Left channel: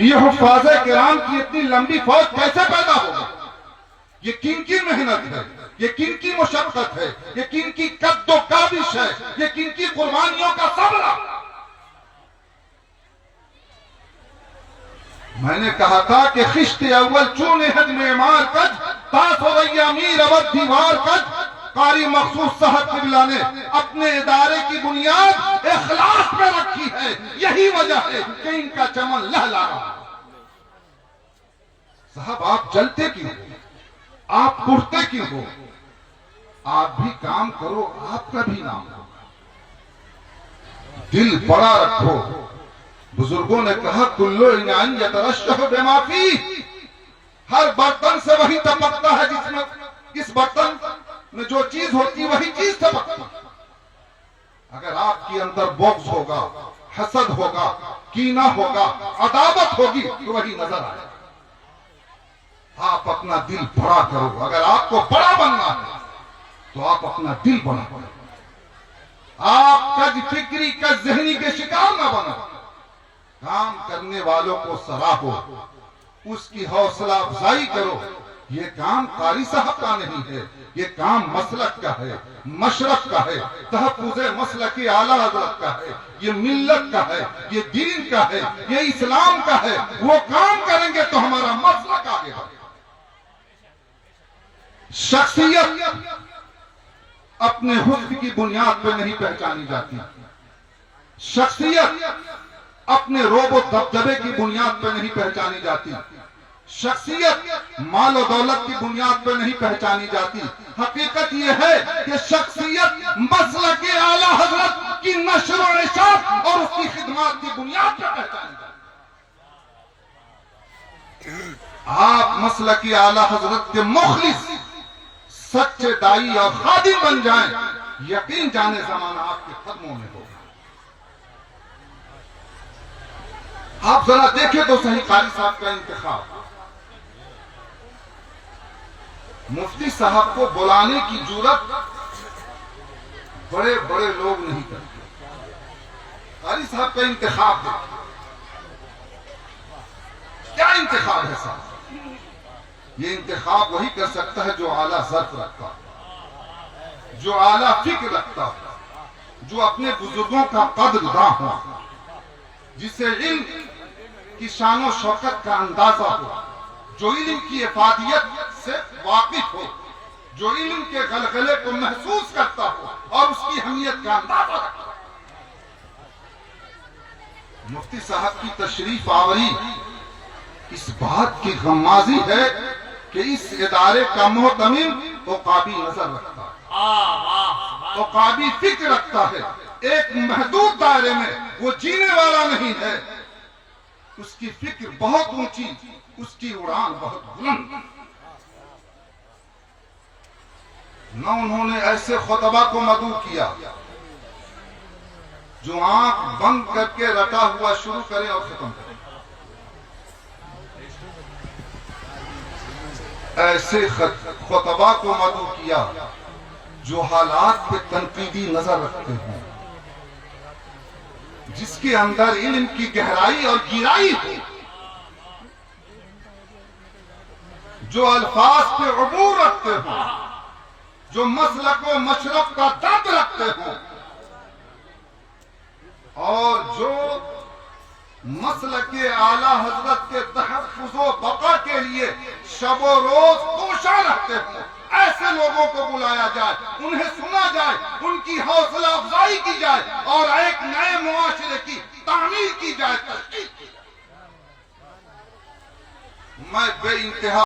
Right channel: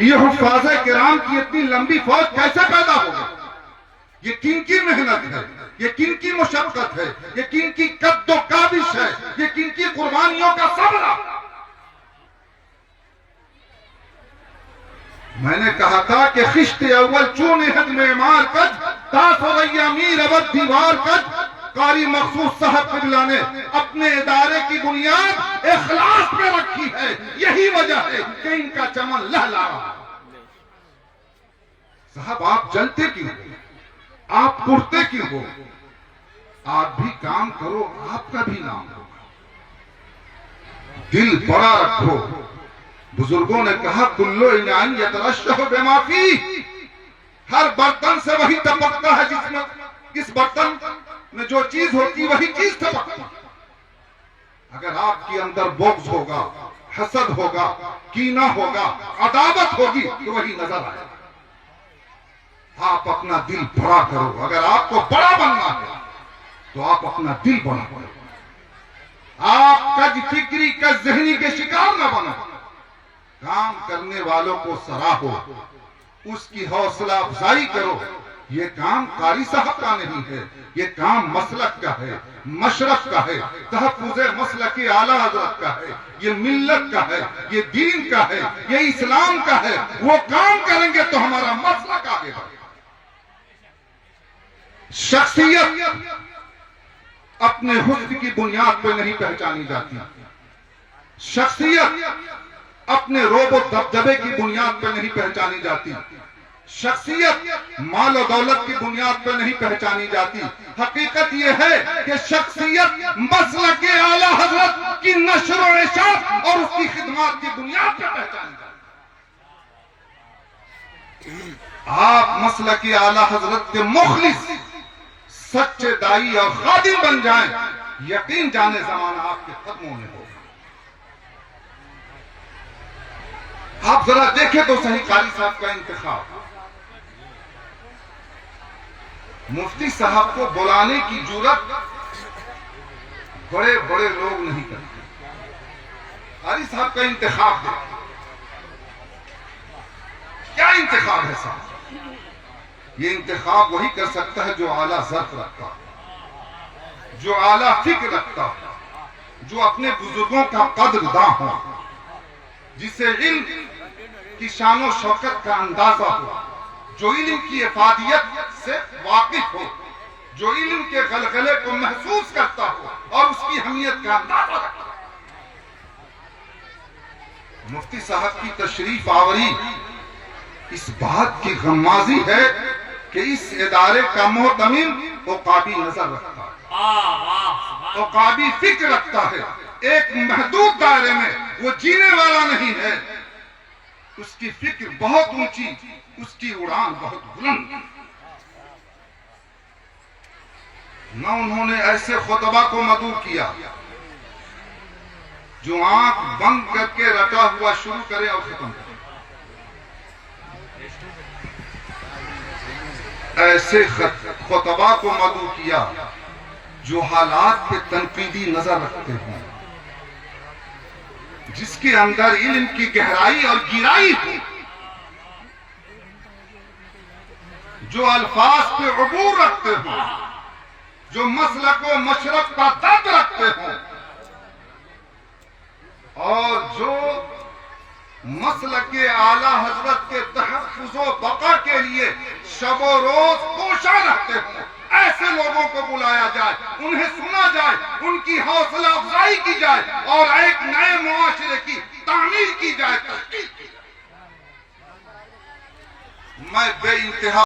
یہ حفاظ کرام کی اتنی لمبی فوج کیسے پیدا ہوگی؟ یہ کن کی محنت ہے، یہ کن کی مشقت ہے، یہ کن کی قد و کاوش ہے، یہ کن کی قربانیوں کا صبر ہے؟ میں نے کہا تھا کہ خشت اول چون حد معمار کج، تاس ہو گئی امیر ابد دیوار کج۔ قاری مخصوص صاحب قبلہ نے اپنے ادارے کی بنیاد اخلاص پہ رکھی ہے، یہی وجہ ہے کہ ان کا چمن لہلا رہا۔ صاحب آپ جلتے کیوں ہو؟ آپ پڑھتے کیوں ہو؟ آپ بھی کام کرو، آپ کا بھی نام ہو۔ دل بڑا رکھو۔ بزرگوں نے کہا کلو انعام یترشح بما فیہ، ہر برتن سے وہی ٹپکتا ہے جس میں، اس برتن میں جو چیز ہوتی وہی چیز ٹپکتی۔ اگر آپ کے اندر بغض ہوگا، حسد ہوگا، کینہ ہوگا، عداوت ہوگی تو وہی نظر آئے گا۔ آپ اپنا دل بڑا کرو۔ اگر آپ کو بڑا بننا ہے تو آپ اپنا دل بڑا کرو۔ آپ کج فکری کج ذہنی کے شکار نہ بنو۔ کام کرنے والوں کو سراہو، اس کی حوصلہ افزائی کرو۔ یہ کام قاری صاحب کا نہیں ہے، یہ کام مسلک کا ہے، مشرق کا ہے، تحفظ مسلک اعلیٰ حضرت کا ہے، یہ ملت کا ہے، یہ دین کا ہے، یہ اسلام کا ہے۔ وہ کام کریں گے تو ہمارا مسلک آگے بڑھے گا۔ شخصیت اپنے حسن کی بنیاد پہ نہیں پہچانی جاتی، شخصیت اپنے روب و دبدبے کی بنیاد پہ نہیں پہچانی جاتی، شخصیت مال و دولت کی بنیاد پہ نہیں پہچانی جاتی۔ حقیقت یہ ہے کہ شخصیت مسلک اعلیٰ حضرت کی نشر و اشاعت اور اس کی خدمات کی بنیاد پہ پہچانی جاتی۔ آپ مسلک اعلیٰ حضرت کے مخلص، سچے دائی اور خادم بن جائیں، یقین جانے زمانہ آپ کے قدموں میں ہوگا۔ آپ ذرا دیکھیں تو صحیح قاری صاحب کا انتخاب۔ مفتی صاحب کو بلانے کی جرات بڑے بڑے لوگ نہیں کرتے۔ قاری صاحب کا انتخاب دیکھیں، کیا انتخاب ہے صاحب؟ یہ انتخاب وہی کر سکتا ہے جو اعلیٰ ظرف رکھتا ہو، جو اعلیٰ فکر رکھتا ہو، جو اپنے بزرگوں کا قدرداں ہو، جسے علم کی شان و شوکت کا اندازہ ہو، جو علم کی افادیت سے واقف ہو، جو علم کے غلغلے کو محسوس کرتا ہو اور اس کی اہمیت کا اندازہ رکھتا ہو۔ مفتی صاحب کی تشریف آوری اس بات کی غمازی ہے کہ اس ادارے کا محتمم عقابی نظر رکھتا ہے، عقابی فکر رکھتا ہے۔ ایک محدود دائرے میں وہ جینے والا نہیں ہے، اس کی فکر بہت اونچی، اس کی اڑان بہت بلند۔ نہ انہوں نے ایسے خطبہ کو مدعو کیا جو آنکھ بند کر کے رٹا ہوا شروع کرے اور ختم کرے، ایسے خطبہ کو مدعو کیا جو حالات پہ تنقیدی نظر رکھتے ہیں، جس کے اندر علم کی گہرائی اور گہرائی ہو، جو الفاظ پہ عبور رکھتے ہوں، جو مسلک و مشرق پر درد رکھتے ہوں، اور جو مسلک اعلیٰ حضرت کے تحفظ و بقا کے لیے شب و روز کوشاں رہتے ہوں۔ ایسے لوگوں کو بلایا جائے، انہیں سنا جائے، ان کی حوصلہ افزائی کی جائے اور ایک نئے معاشرے کی تعمیر کی جائے، تشکیل کی جائے۔ میں بے انتہا